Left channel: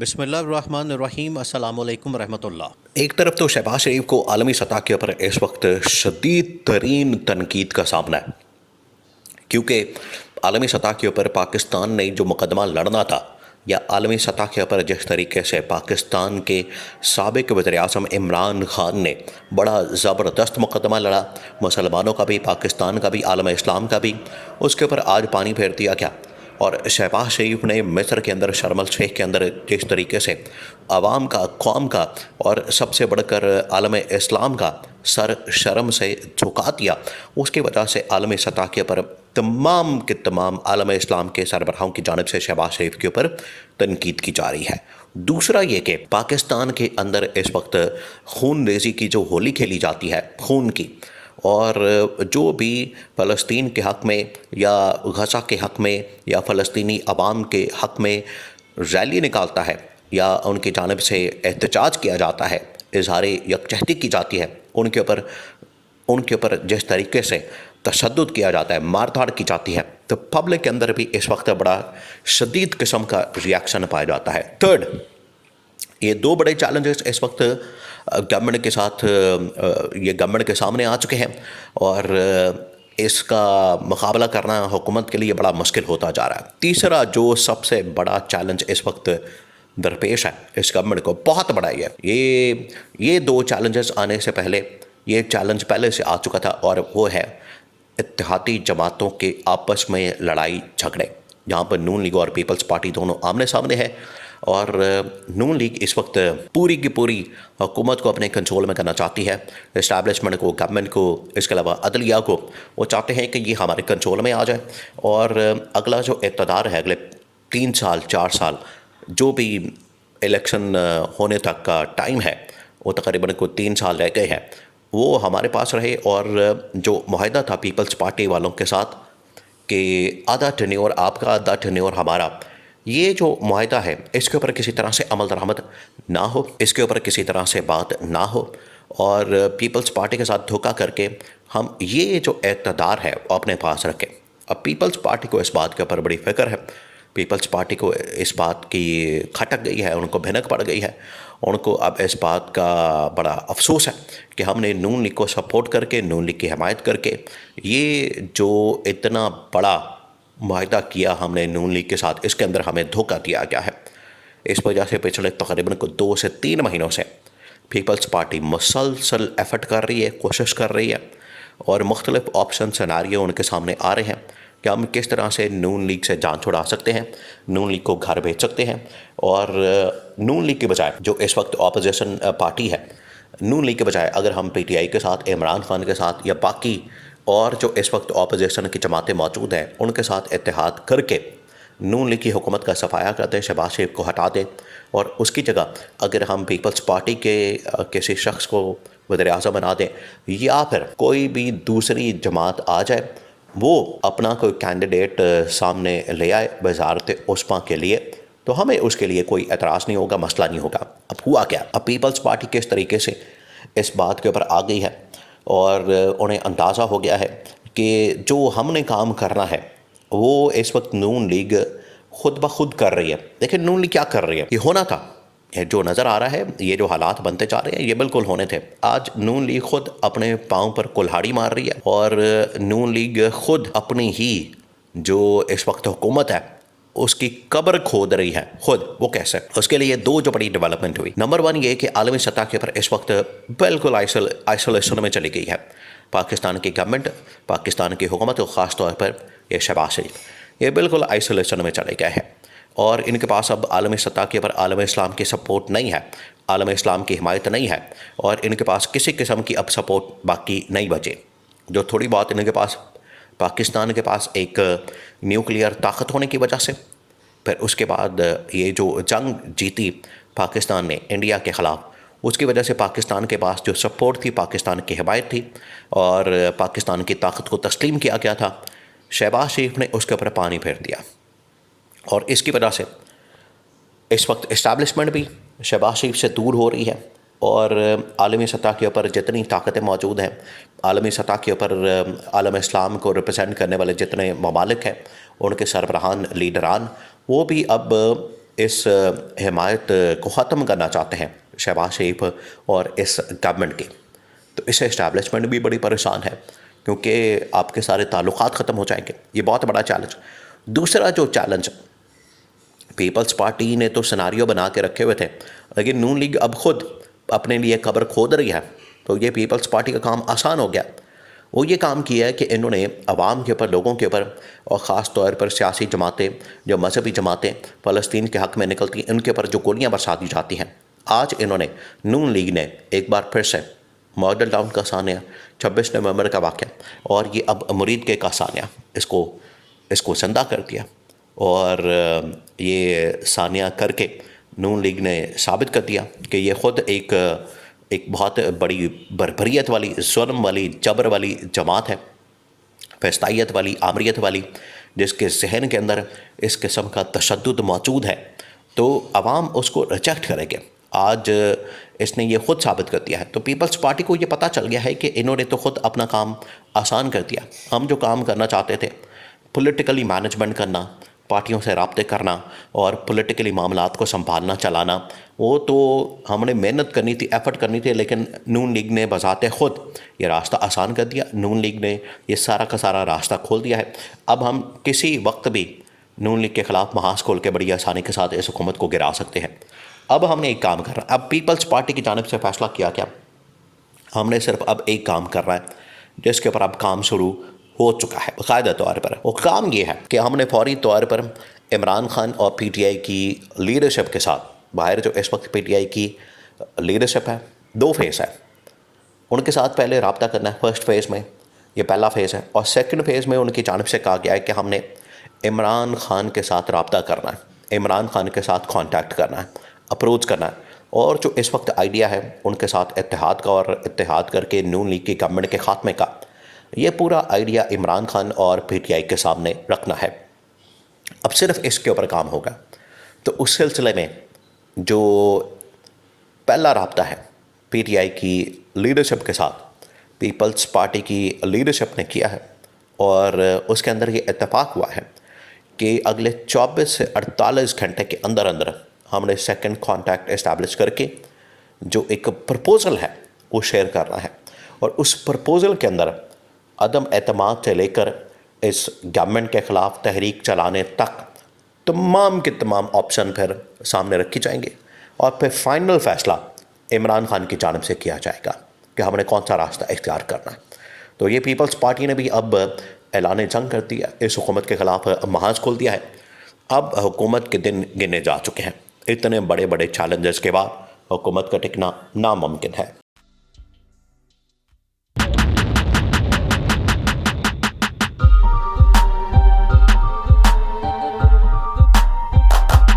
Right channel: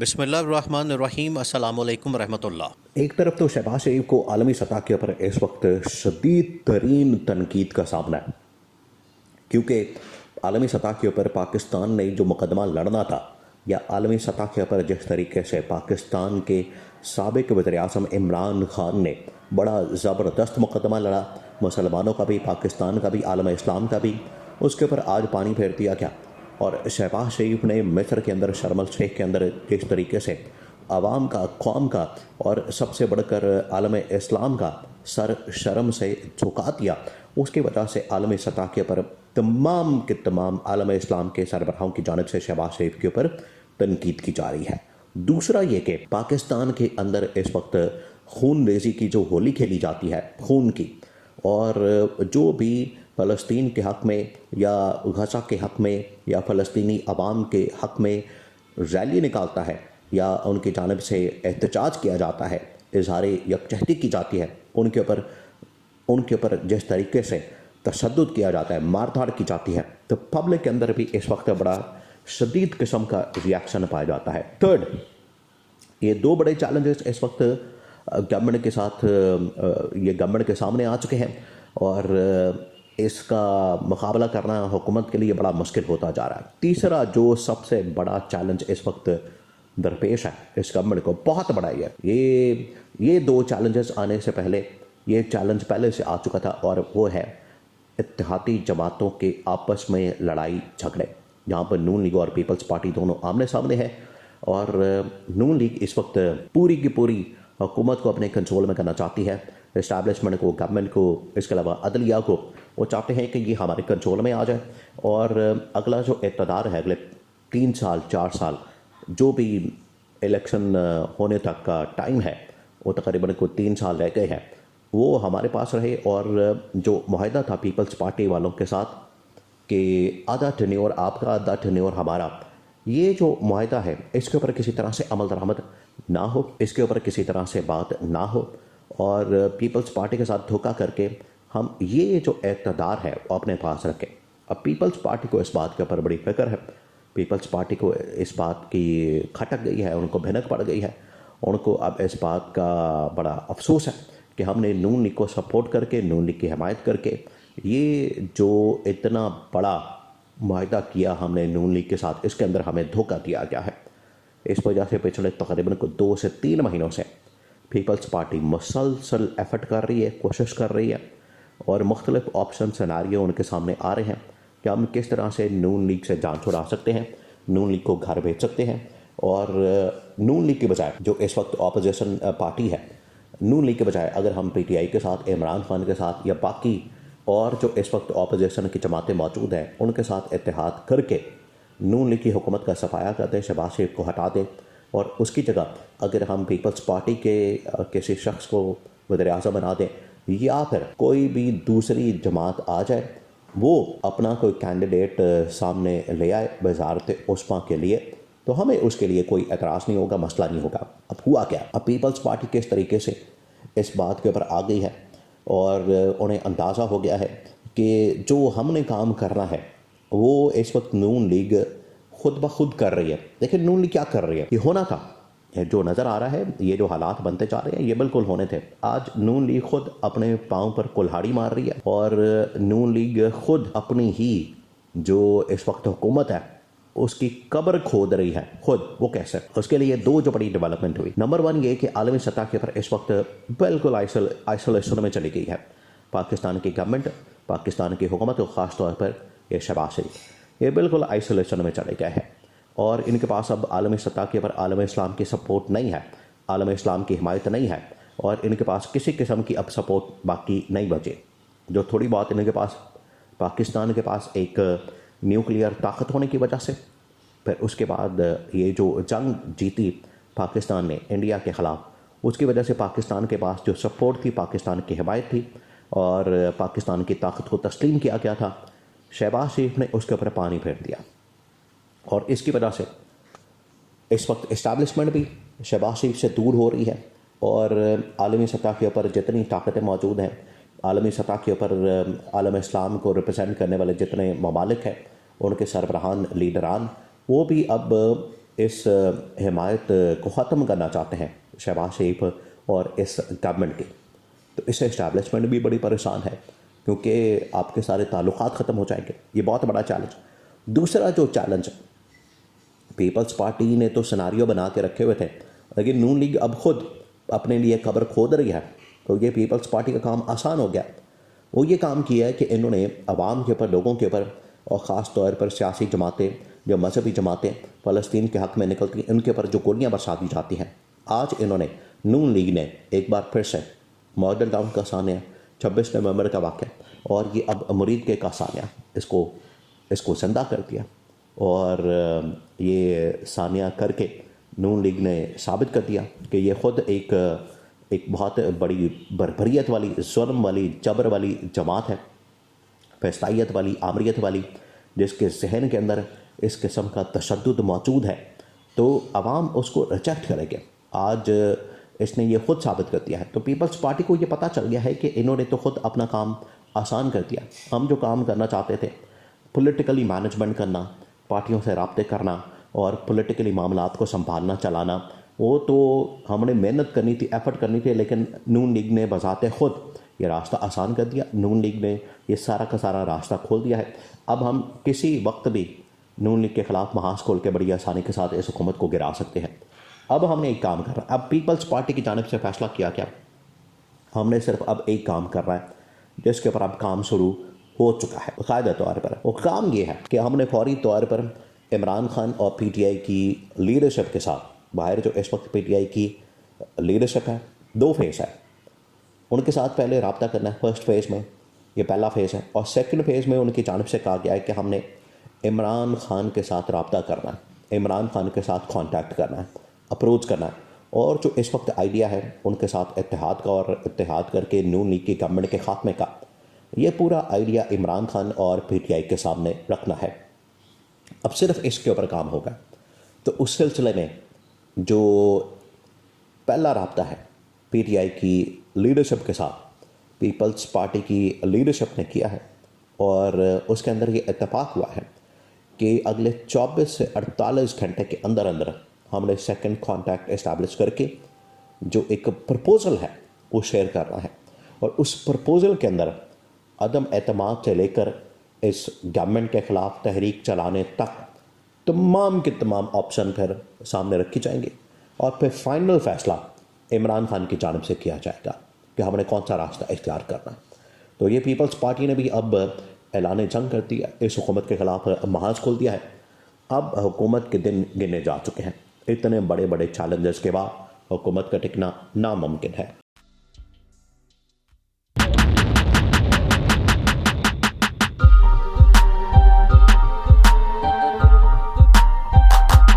بسم اللہ الرحمن الرحیم، السلام علیکم ورحمۃ اللہ۔ ایک طرف تو شہباز شریف کو عالمی سطح کے اوپر اس وقت شدید ترین تنقید کا سامنا ہے، کیونکہ عالمی سطح کے اوپر پاکستان نے جو مقدمہ لڑنا تھا، یا عالمی سطح کے اوپر جس طریقے سے پاکستان کے سابق وزیر اعظم عمران خان نے بڑا زبردست مقدمہ لڑا، مسلمانوں کا بھی، پاکستان کا بھی، عالم اسلام کا بھی، اس کے اوپر آج پانی پھیر دیا گیا۔ اور شہباز شریف نے مصر کے اندر شرم الشیخ کے اندر جس طریقے سے عوام کا، قوم کا اور سب سے بڑھ کر عالم اسلام کا سر شرم سے جھکا دیا، اس کی وجہ سے عالمی سطح کے اوپر تمام کے تمام عالم اسلام کے سربراہوں کی جانب سے شہباز شریف کے اوپر تنقید کی جا رہی ہے۔ دوسرا یہ کہ پاکستان کے اندر اس وقت خون ریزی کی جو ہولی کھیلی جاتی ہے، خون کی، اور جو بھی فلسطین کے حق میں یا غزہ کے حق میں یا فلسطینی عوام کے حق میں ریلی نکالتا ہے یا ان کی جانب سے احتجاج کیا جاتا ہے، اظہار یکجہتی کی جاتی ہے، ان کے اوپر جس طریقے سے تشدد کیا جاتا ہے، مار دھاڑ کی جاتی ہے، تو پبلک کے اندر بھی اس وقت بڑا شدید قسم کا ریاکشن پایا جاتا ہے۔ تھرڈ، یہ دو بڑے چیلنجز اس وقت گورنمنٹ کے ساتھ یہ گورنمنٹ کے سامنے آ چکے ہیں، اور اس کا مقابلہ کرنا حکومت کے لیے بڑا مشکل ہوتا جا رہا ہے۔ تیسرا جو سب سے بڑا چیلنج اس وقت درپیش ہے اس گورنمنٹ کو، بہت بڑا یہ دو چیلنجز آنے سے پہلے، یہ چیلنج پہلے سے آ چکا تھا، اور وہ ہے اتحادی جماعتوں کے آپس میں لڑائی جھگڑے، جہاں پر نون لیگ اور پیپلز پارٹی دونوں آمنے سامنے ہے، اور نون لیگ اس وقت پوری کی پوری حکومت کو اپنے کنٹرول میں کرنا چاہتی ہے، اسٹیبلشمنٹ کو، گورنمنٹ کو، اس کے علاوہ عدلیہ کو، وہ چاہتے ہیں کہ یہ ہمارے کنٹرول میں آ جائے، اور اگلا جو اقتدار ہے، اگلے 3 سال 4 سال جو بھی الیکشن ہونے تک کا ٹائم ہے، وہ تقریباً کوئی 3 سال رہ گئے ہیں، وہ ہمارے پاس رہے، اور جو معاہدہ تھا پیپلز پارٹی والوں کے ساتھ کہ آدھا ٹینیور آپ کا، آدھا ٹینیور ہمارا، یہ جو معاہدہ ہے اس کے اوپر کسی طرح سے عمل درآمد نہ ہو، اس کے اوپر کسی طرح سے بات نہ ہو، اور پیپلز پارٹی کے ساتھ دھوکہ کر کے ہم یہ جو اقتدار ہے وہ اپنے پاس رکھیں۔ اب پیپلز پارٹی کو اس بات کے اوپر بڑی فکر ہے، پیپلز پارٹی کو اس بات کی کھٹک گئی ہے، ان کو بھنک پڑ گئی ہے، ان کو اب اس بات کا بڑا افسوس ہے کہ ہم نے نون لیگ کو سپورٹ کر کے، نون لیگ کی حمایت کر کے، یہ جو اتنا بڑا معاہدہ کیا ہم نے نون لیگ کے ساتھ، اس کے اندر ہمیں دھوکہ دیا گیا ہے۔ اس وجہ سے پچھلے تقریباً 2 سے 3 مہینوں سے پیپلز پارٹی مسلسل ایفرٹ کر رہی ہے، کوشش کر رہی ہے، اور مختلف آپشن سیناریو ان کے سامنے آ رہے ہیں کہ ہم کس طرح سے نون لیگ سے جان چھڑا سکتے ہیں، نون لیگ کو گھر بھیج سکتے ہیں، اور نون لیگ کے بجائے جو اس وقت اپوزیشن پارٹی ہے، نون لیگ کے بجائے اگر ہم پی ٹی آئی کے ساتھ، عمران خان کے ساتھ، یا باقی اور جو اس وقت اپوزیشن کی جماعتیں موجود ہیں ان کے ساتھ اتحاد کر کے نون لیگ کی حکومت کا صفایا کر دیں، شہباز شریف کو ہٹا دیں، اور اس کی جگہ اگر ہم پیپلز پارٹی کے کسی شخص کو وزیر اعظم بنا دیں، یا پھر کوئی بھی دوسری جماعت آ جائے، وہ اپنا کوئی کینڈیڈیٹ سامنے لے آئے وزارت عثمیٰ کے لیے، تو ہمیں اس کے لیے کوئی اعتراض نہیں ہوگا، مسئلہ نہیں ہوگا۔ اب ہوا کیا؟ اب پیپلز پارٹی کس طریقے سے اس بات کے اوپر آ گئی ہے، اور انہیں اندازہ ہو گیا ہے کہ جو ہم نے کام کرنا ہے وہ اس وقت نون لیگ خود بخود کر رہی ہے۔ لیکن نون لیگ کیا کر رہی ہے؟ یہ ہونا تھا، یہ جو نظر آ رہا ہے، یہ جو حالات بنتے جا رہے ہیں، یہ بالکل ہونے تھے۔ آج نون لیگ خود اپنے پاؤں پر کلہاڑی مار رہی ہے، اور نون لیگ خود اپنی ہی جو اس وقت حکومت ہے اس کی قبر کھود رہی ہے خود۔ وہ کیسے؟ اس کے لیے 2 جو بڑی ڈیولپمنٹ ہوئی۔ نمبر 1 یہ کہ عالمی سطح کے اوپر اس وقت بالکل آئسولیشن میں چلی گئی ہے پاکستان کی گورنمنٹ، پاکستان کی حکومت، اور خاص طور پر یہ شہباز شریف، یہ بالکل آئسولیشن میں چلے گئے ہیں، اور ان کے پاس اب عالمی سطح کے اوپر عالم اسلام کی سپورٹ نہیں ہے، عالم اسلام کی حمایت نہیں ہے، اور ان کے پاس کسی قسم کی اب سپورٹ باقی نہیں بچے۔ جو تھوڑی بہت ان کے پاس، پاکستان کے پاس ایک نیوکلیئر طاقت ہونے کی وجہ سے، پھر اس کے بعد یہ جو جنگ جیتی پاکستان نے انڈیا کے خلاف، اس کی وجہ سے پاکستان کے پاس جو سپورٹ تھی، پاکستان کی حمایت تھی، اور پاکستان کی طاقت کو تسلیم کیا گیا تھا، شہباز شریف نے اس کے اوپر پانی پھیر دیا، اور اس کی وجہ سے اس وقت اسٹیبلشمنٹ بھی شہباز شریف سے دور ہو رہی ہے، اور عالمی سطح کے اوپر جتنی طاقتیں موجود ہیں، عالمی سطح کے اوپر عالم اسلام کو ریپرزینٹ کرنے والے جتنے ممالک ہیں، ان کے سربراہان، لیڈران، وہ بھی اب اس حمایت کو ختم کرنا چاہتے ہیں شہباز شریف اور اس گورنمنٹ کے، تو اس سے اسٹیبلشمنٹ بھی بڑی پریشان ہے کیونکہ آپ کے سارے تعلقات ختم ہو جائیں گے. یہ بہت بڑا چیلنج. دوسرا جو چیلنج، پیپلز پارٹی نے تو سناریو بنا کے رکھے ہوئے تھے، لیکن نون لیگ اب خود اپنے لیے قبر کھود رہی ہے. تو یہ پیپلز پارٹی کا کام آسان ہو گیا. وہ یہ کام کیا ہے کہ انہوں نے عوام کے اوپر، لوگوں کے اوپر، اور خاص طور پر سیاسی جماعتیں، جو مذہبی جماعتیں فلسطین کے حق میں نکلتی ہیں، ان کے اوپر جو گولیاں برسا دی جاتی ہیں، آج انہوں نے، نون لیگ نے ایک بار پھر سے ماڈل ٹاؤن کا سانیہ، 26 نومبر کا واقعہ، اور یہ اب مرید کے کا سانیہ، اس کو زندہ کر دیا. اور یہ سانیہ کر کے نون لیگ نے ثابت کر دیا کہ یہ خود ایک بہت بڑی بربریت والی، ظلم والی، جبر والی جماعت ہے، فسطائیت والی، آمریت والی، جس کے ذہن کے اندر اس قسم کا تشدد موجود ہے. تو عوام اس کو ریجیکٹ کرے گے. آج اس نے یہ خود ثابت کر دیا ہے. تو پیپلز پارٹی کو یہ پتہ چل گیا ہے کہ انہوں نے تو خود اپنا کام آسان کر دیا. ہم جو کام کرنا چاہتے تھے، پولیٹیکلی مینجمنٹ کرنا، پارٹیوں سے رابطے کرنا اور پولیٹیکلی معاملات کو سنبھالنا، چلانا، وہ تو ہم نے محنت کرنی تھی، ایفرٹ کرنی تھی، لیکن نون لیگ نے بذات خود یہ راستہ آسان کر دیا. نون لیگ نے یہ سارا کا سارا راستہ کھول دیا ہے. اب ہم کسی وقت بھی نون لیگ کے خلاف محاذ کھول کے بڑی آسانی کے ساتھ اس حکومت کو گرا سکتے ہیں. اب ہم نے ایک کام کرنا، اب پیپلز پارٹی کی جانب سے فیصلہ کیا کیا، ہم نے صرف اب ایک کام کرنا ہے جس کے اوپر اب کام شروع ہو چکا ہے باقاعدہ طور پر. وہ کام یہ ہے کہ ہم نے فوری طور پر عمران خان اور پی ٹی آئی کی لیڈرشپ کے ساتھ، باہر جو اس وقت پی ٹی آئی کی لیڈرشپ ہے، 2 فیز ہے، ان کے ساتھ پہلے رابطہ کرنا ہے. فرسٹ فیز میں یہ پہلا فیز ہے، اور سیکنڈ فیز میں ان کی جانب سے کہا گیا ہے کہ ہم نے عمران خان کے ساتھ رابطہ کرنا ہے، عمران خان کے ساتھ کانٹیکٹ کرنا ہے، اپروچ کرنا ہے، اور جو اس وقت آئیڈیا ہے ان کے ساتھ اتحاد کا، اور اتحاد کر کے نون لیگ کی گورنمنٹ کے خاتمے کا، یہ پورا آئیڈیا عمران خان اور پی ٹی آئی کے سامنے رکھنا ہے. اب صرف اس کے اوپر کام ہوگا. تو اس سلسلے میں جو پہلا رابطہ ہے پی ٹی آئی کی لیڈرشپ کے ساتھ، پیپلز پارٹی کی لیڈرشپ نے کیا ہے، اور اس کے اندر یہ اتفاق ہوا ہے کہ اگلے 24 سے 48 گھنٹے کے اندر اندر ہم نے سیکنڈ کانٹیکٹ اسٹیبلش کر کے جو ایک پرپوزل ہے وہ شیئر کرنا ہے. اور اس پرپوزل کے اندر عدم اعتماد سے لے کر اس گورنمنٹ کے خلاف تحریک چلانے تک تمام کے تمام آپشن پھر سامنے رکھی جائیں گے، اور پھر فائنل فیصلہ عمران خان کی جانب سے کیا جائے گا کہ ہم نے کون سا راستہ اختیار کرنا ہے. تو یہ پیپلز پارٹی نے بھی اب اعلان جنگ کر دیا، اس حکومت کے خلاف محاذ کھول دیا ہے. اب حکومت کے دن گنے جا چکے ہیں. اتنے بڑے بڑے چیلنجز کے بعد حکومت کا ٹکنا ناممکن ہے.